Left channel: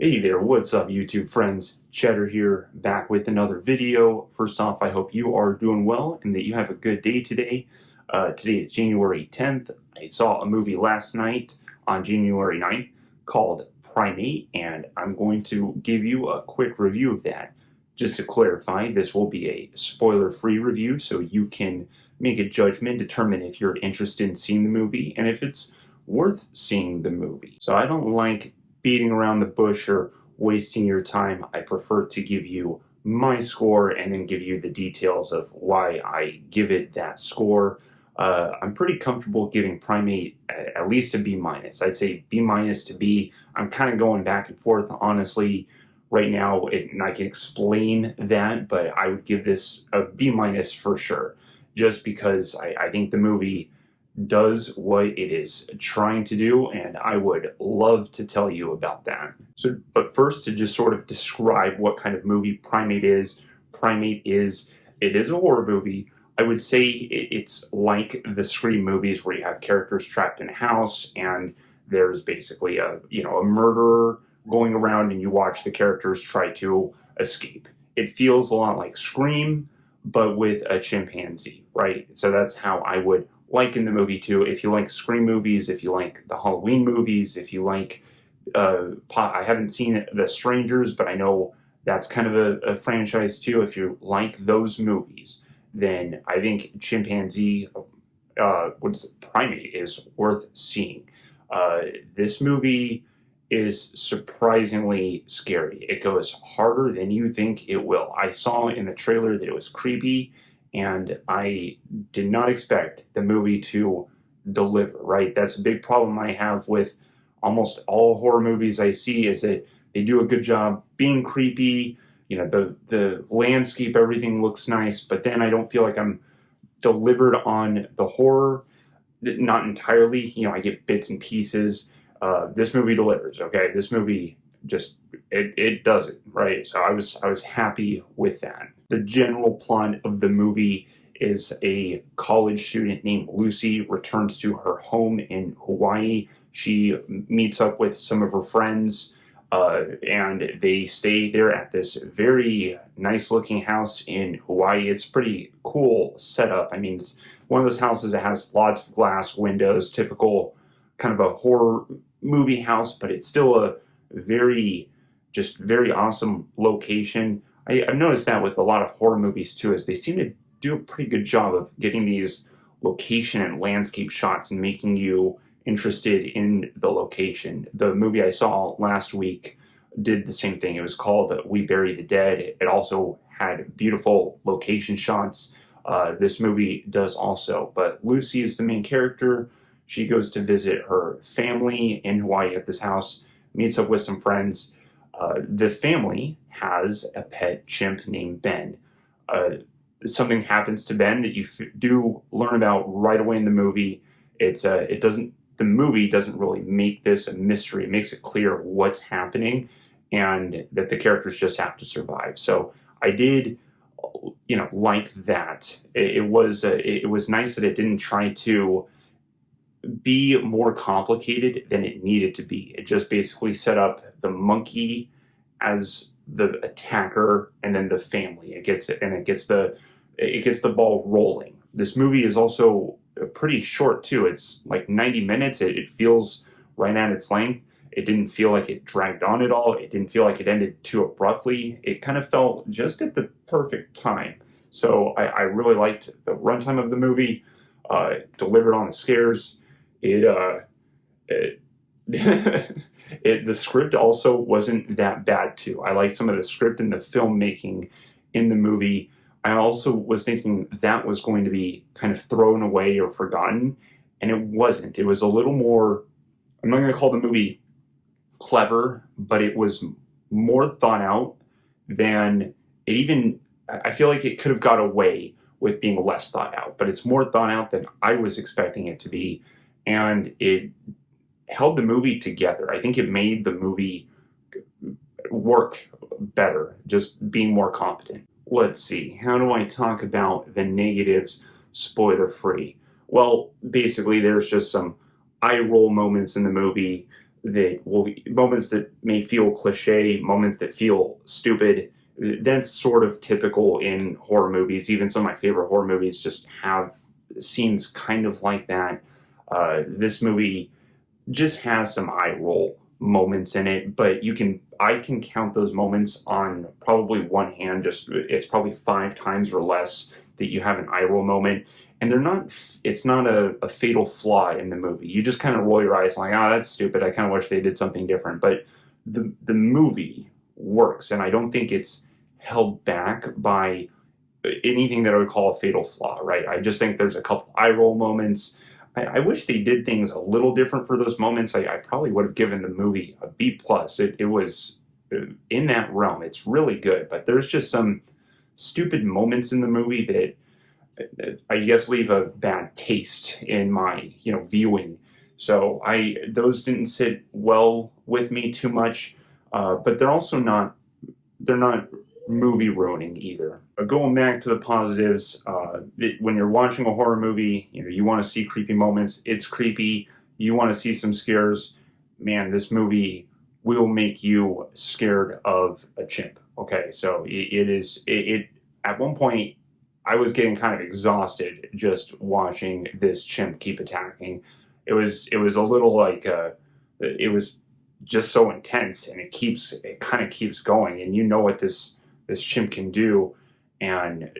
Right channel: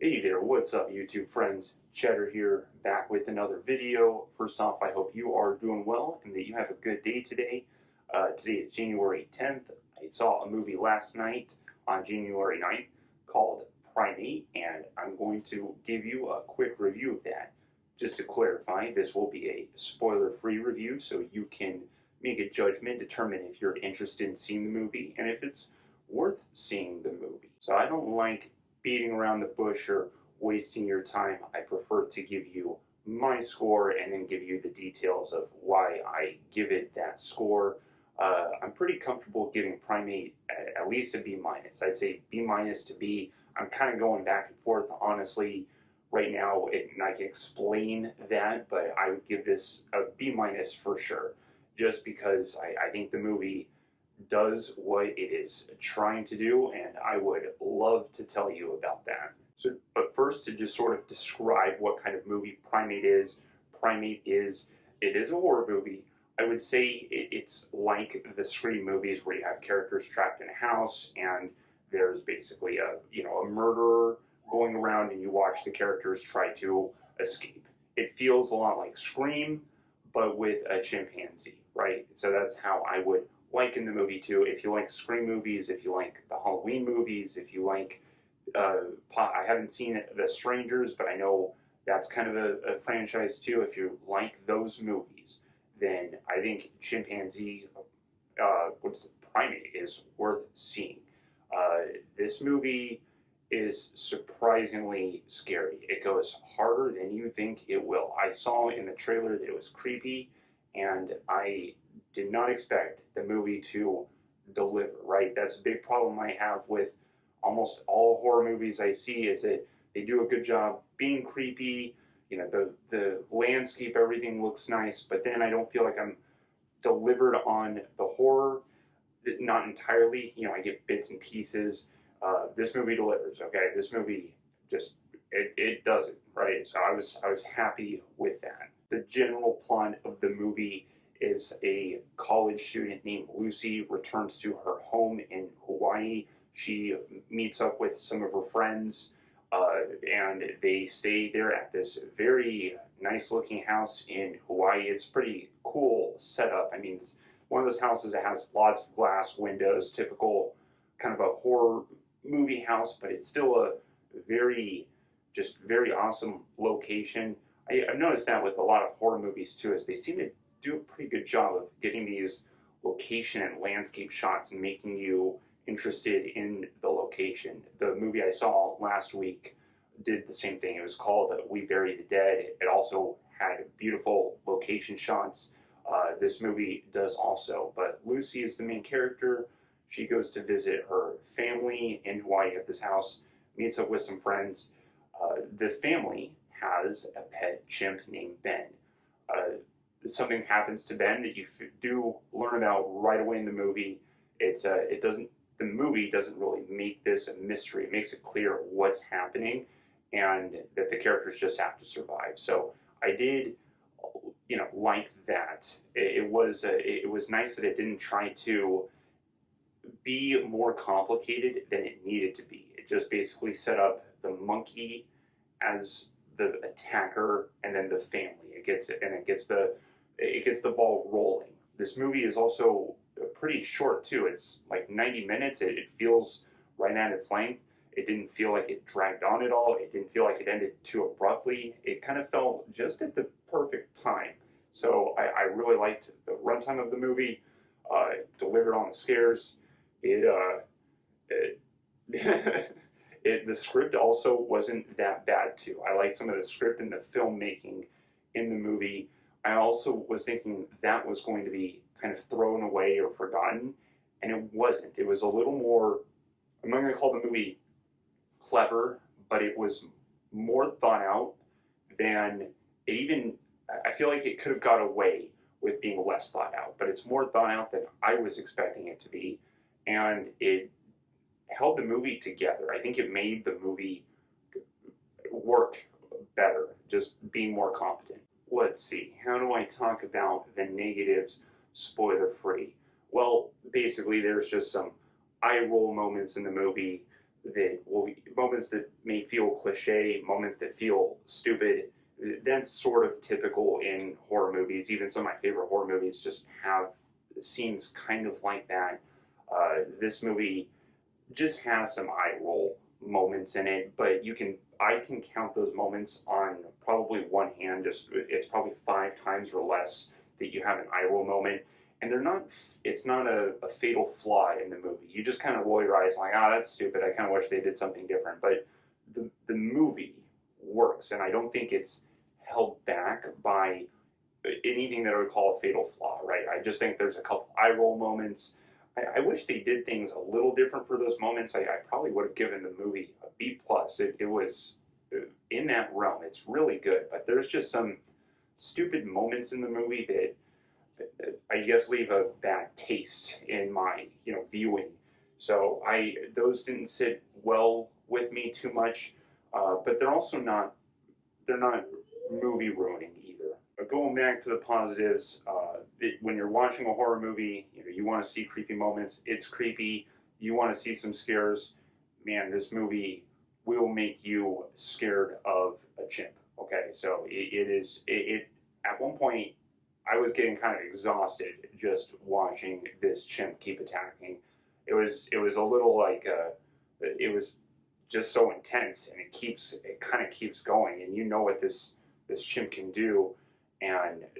Hey there, what's up YouTube friends? Cheddar here, back with another video. First off, I hope you are doing well and that you have a good day today. Today is January 10th. I saw a movie last night on January 9th called Primate, and I'm going to give you a quick review of that. Just to clarify, this will be a spoiler-free review, so you can make a judgment, determine if you're interested in seeing the movie, and if it's worth seeing the movie. So I don't like beating around the bush or wasting your time. I prefer to give you my score and then give you the details of why I give it that score. I'm pretty comfortable giving Primate at least a B minus. I'd say B minus to B. I'm kind of going back and forth, honestly, right now, and I can explain that, but I would give this a B minus for sure, just because I think the movie does what it is trying to do, and I would love to tell you about that. So, but first, to just sort of describe what kind of movie Primate is, it is a horror movie. I would say it's like the Scream movies where you have characters trapped in a house and there's basically a murderer going around and you watch the characters try to escape. It feels a lot like Scream, but with a chimpanzee, right? So that's how I would liken the movie to. If you like Scream movies, if you like the Halloween movies, if you like, I haven't seen The Strangers, but I know that's kind of a franchise too. If you like those movies, then I think Chimpanzee, what is it, Primate is worth seeing. This movie is surprisingly scary. It goes harder than you think it will. I saw in the trailer that it was creepy, and I did not expect the movie to deliver, right? That's a big problem I have with almost all horror movies I see is that they do a good job being creepy. You know, the landscape, everything looks nice, but then I don't feel like I'm delivered on the horror. Not entirely. You know, I get bits and pieces. This movie delivers. Okay, this movie just it does it right. So I was happy with that. The general plot of the movie is a college student named Lucy returns to her home in Hawaii. She meets up with some of her friends, and they stay there at this very nice looking house in Hawaii. It's pretty cool setup. I mean, it's one of those houses that has lots of glass windows, typical kind of a horror movie house, but it's still a very, just very awesome location. I've noticed that with a lot of horror movies too, is they seem to do a pretty good job of getting these location and landscape shots and making you interested in the location. The movie I saw last week did the same thing. It was called We Bury the Dead. It also had beautiful location shots. This movie does also, but Lucy is the main character. She goes to visit her family in Hawaii at this house, meets up with some friends. The family has a pet chimp named Ben. Uh, Something happens to Ben that you do learn about right away in the movie. It doesn't the movie doesn't really make this a mystery. It makes it clear what's happening and that the characters just have to survive. So I did, like that. It was nice that it didn't try to be more complicated than it needed to be. It just basically set up the monkey as the attacker and then the family. It gets the ball rolling. This movie is also pretty short too. It's like 90 minutes. It feels right at its length. It didn't feel like it dragged on at all. It didn't feel like it ended too abruptly. It kind of felt just at the perfect time. So I really liked the runtime of the movie. Delivered on the scares. It, it, the script also wasn't that bad too. I liked some of the script and the filmmaking in the movie. I also was thinking that was going to be kind of thrown away or forgotten, and it wasn't. It was a little more, I'm not going to call the movie clever, but it was more thought out than it even, I feel like it could have got away with being less thought out, but it's more thought out than I was expecting it to be, and it held the movie together. I think it made the movie work better, just being more competent. Let's see, how do I talk about the negatives spoiler free? Well, basically, there's just some eye roll moments in the movie. moments that may feel cliche, moments that feel stupid. That's sort of typical in horror movies. Even some of my favorite horror movies just have scenes kind of like that. This movie just has some eye roll moments in it, but I can count those moments on probably one hand. Just it's probably 5 times or less that you have an eye roll moment, and they're not. It's not a fatal flaw in the movie. You just kind of roll your eyes like, oh, that's stupid. I kind of wish they did something different. But the movie works, and I don't think it's held back by anything that I would call a fatal flaw, right? I just think there's a couple eye roll moments. I wish they did things a little different for those moments. I probably would have given the movie a B plus. It was in that realm. It's really good, but there's just some stupid moments in the movie that I guess leave a bad taste in my viewing. So those didn't sit well with me too much, but they're not movie ruining either. Going back to the positives, when you're watching a horror movie, you want to see creepy moments. It's creepy. You want to see some scares. Man, this movie will make you scared of a chimp. Okay, so it is. At one point, I was getting kind of exhausted just watching this chimp keep attacking. It was a little like it was just so intense, and it kind of keeps going, and you know what this chimp can do, and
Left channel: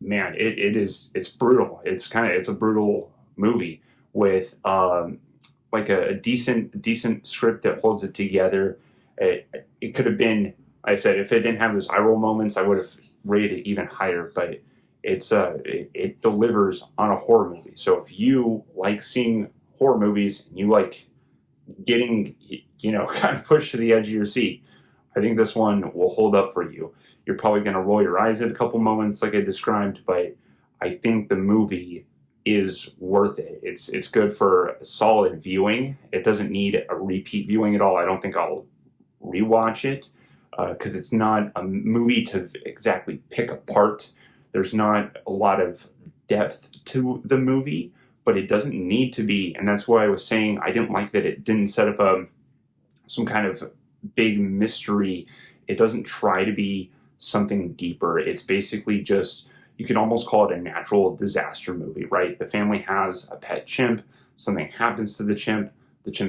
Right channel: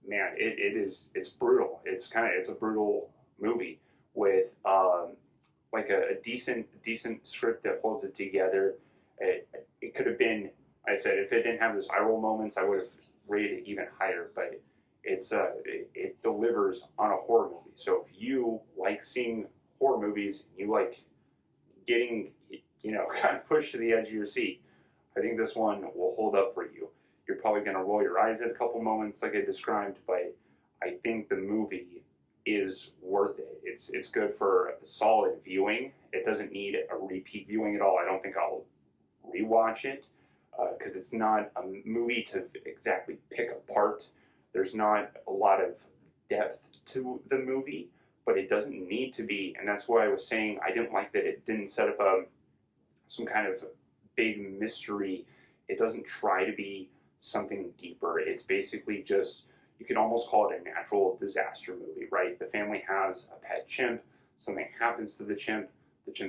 man, it's brutal. It's a brutal movie with like a decent script that holds it together. It could have been, I said, if it didn't have those eye roll moments, I would have rated it even higher. But it delivers on a horror movie. So if you like seeing horror movies and you like getting kind of pushed to the edge of your seat, I think this one will hold up for you. You're probably going to roll your eyes at a couple moments, like I described, but I think the movie is worth it. It's good for solid viewing. It doesn't need a repeat viewing at all. I don't think I'll rewatch it because it's not a movie to exactly pick apart. There's not a lot of depth to the movie, but it doesn't need to be, and that's why I was saying I didn't like that it didn't set up some kind of big mystery. It doesn't try to be something deeper. It's basically just, you can almost call it a natural disaster movie, right? The family has a pet chimp, something happens to the chimp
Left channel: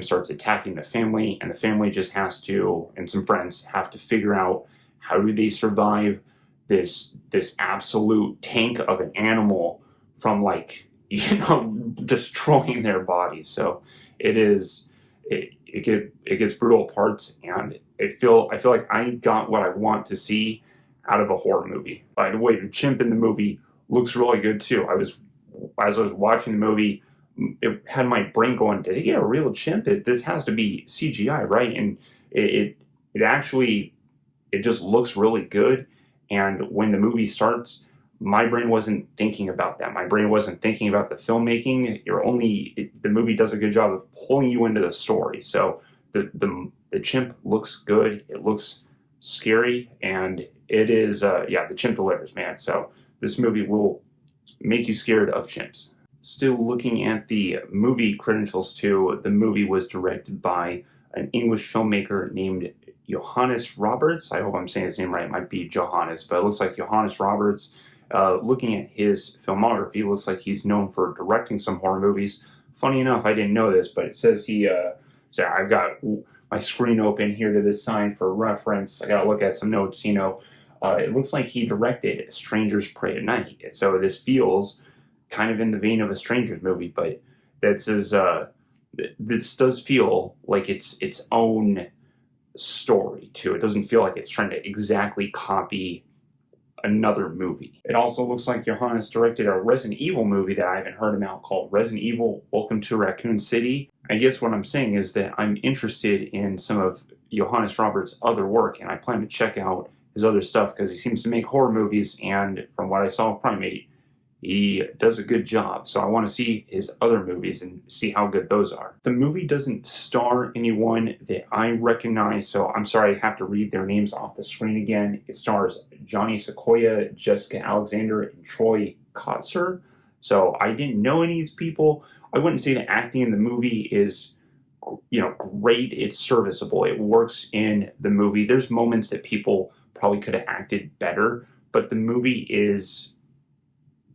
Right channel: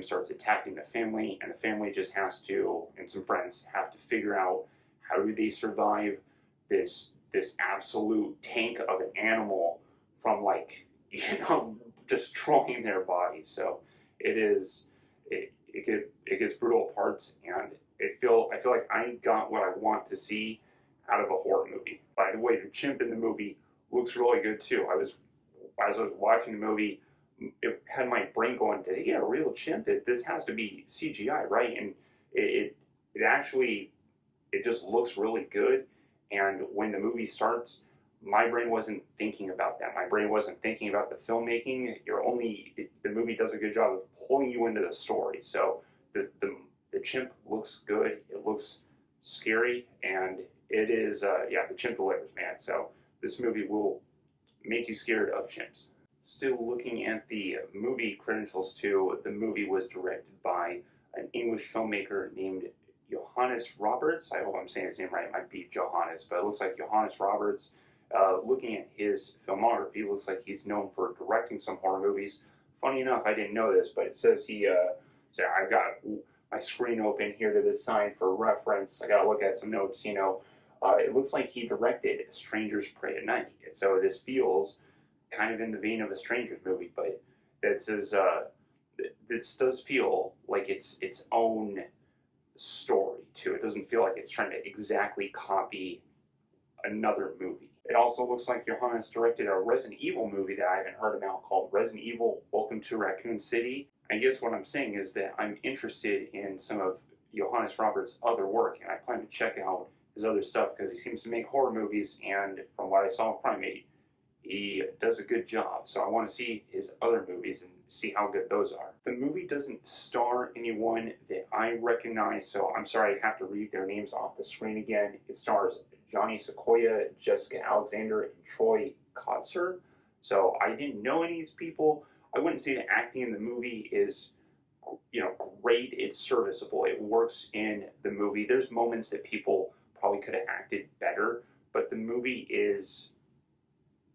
starts attacking the family, and the family just has to, and some friends have to figure out how do they survive this absolute tank of an animal from like destroying their bodies. So it is it gets brutal parts, and I feel like I got what I want to see out of a horror movie. By the way, the chimp in the movie looks really good too. As I was watching the movie, it had my brain going, did he get a real chimp? This has to be CGI, right? And it actually it just looks really good. And when the movie starts, my brain wasn't thinking about that. My brain wasn't thinking about the filmmaking. The movie does a good job of pulling you into the story. So the chimp looks good. It looks scary, and it is the chimp delivers, man. So this movie will make you scared of chimps. Still looking at the movie credentials too, the movie was directed by an English filmmaker named Johannes Roberts. I hope I'm saying his name right. It might be Johannes, but it looks like Johannes Roberts. Looking at his filmography, it looks like he's known for directing some horror movies. Funny enough, I didn't know this, but it says so I've got my screen open here to this sign for reference. I got to look at some notes, It looks like he directed Strangers Pray at Night. So this feels kind of in the vein of a Strangers movie, but this does feel like it's its own story too. It doesn't feel like it's trying to exactly copy another movie. It also looks like Johannes directed a Resident Evil movie that I haven't heard about called Resident Evil Welcome to Raccoon City. I guess what I'm saying is that I'm interested in some of Johannes Roberts' other work, and I plan to check out his other stuff because he seems to make horror movies, and from what I saw with Primate, he does a good job. So I want to see his other movies and see how good those are. The movie doesn't star anyone that I recognize, so I'm sorry I have to read their names off the screen again. It stars Johnny Sequoia, Jessica Alexander, and Troy Kotzer. So I didn't know any of these people. I wouldn't say the acting in the movie is great. It's serviceable. It works in the movie. There's moments that people probably could have acted better, but the movie is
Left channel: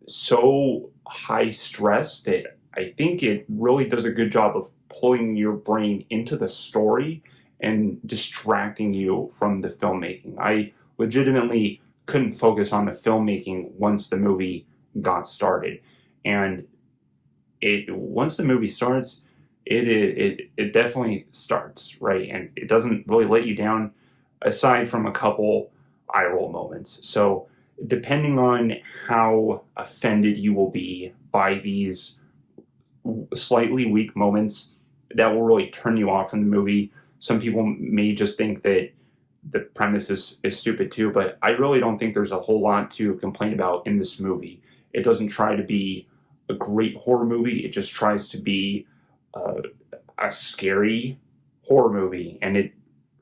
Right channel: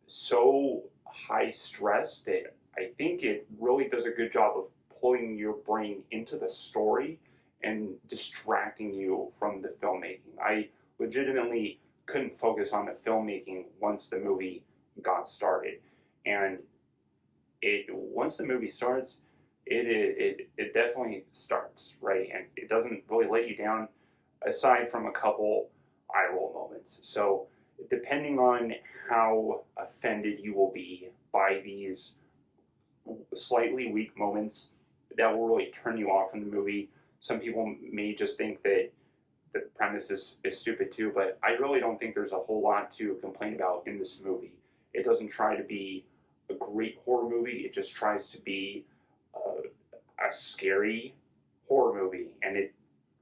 so high stress that I think it really does a good job of pulling your brain into the story and distracting you from the filmmaking. I legitimately couldn't focus on the filmmaking once the movie got started. And it once the movie starts, it definitely starts, right? And it doesn't really let you down aside from a couple eye roll moments. So depending on how offended you will be by these slightly weak moments, that will really turn you off from the movie. Some people may just think that the premise is stupid too, but I really don't think there's a whole lot to complain about in this movie. It doesn't try to be a great horror movie, it just tries to be uh, a scary horror movie, and it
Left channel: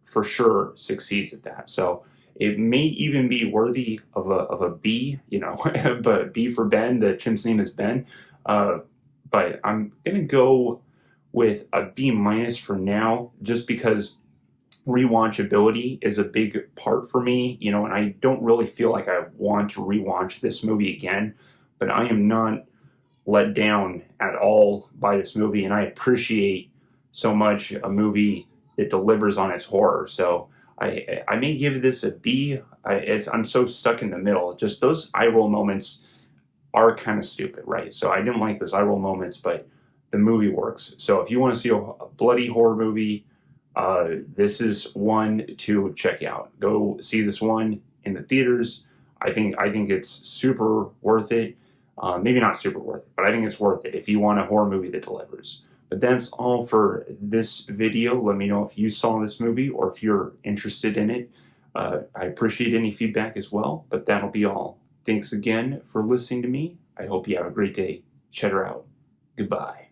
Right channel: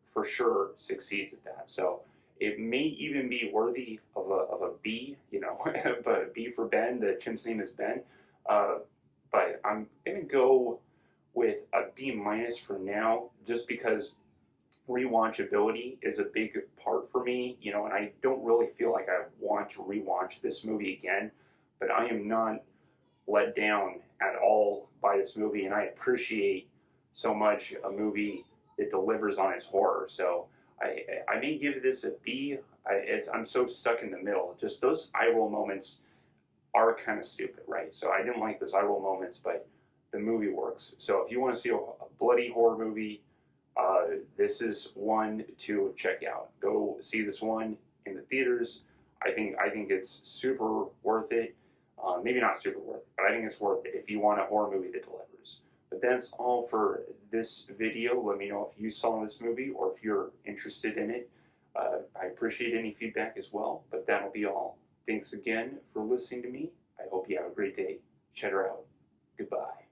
for sure succeeds at that. So it may even be worthy of a B, but B for Ben. The chimp's name is Ben. Uh, but I'm gonna go with a B minus for now, just because rewatchability is a big part for me, and I don't really feel like I want to rewatch this movie again, but I am not let down at all by this movie, and I appreciate so much a movie that delivers on its horror. So I may give this a B. I'm so stuck in the middle. Just those eye roll moments are kind of stupid, right? So I didn't like those eye roll moments, but the movie works. So if you want to see a bloody horror movie, this is one to check out. Go see this one in the theaters. I think it's super worth it. Maybe not super worth it, but I think it's worth it if you want a horror movie that delivers. But that's all for this video. Let me know if you saw this movie or if you're interested in it. I appreciate any feedback as well, but that'll be all. Thanks again for listening to me. I hope you have a great day. Cheddar out. Goodbye.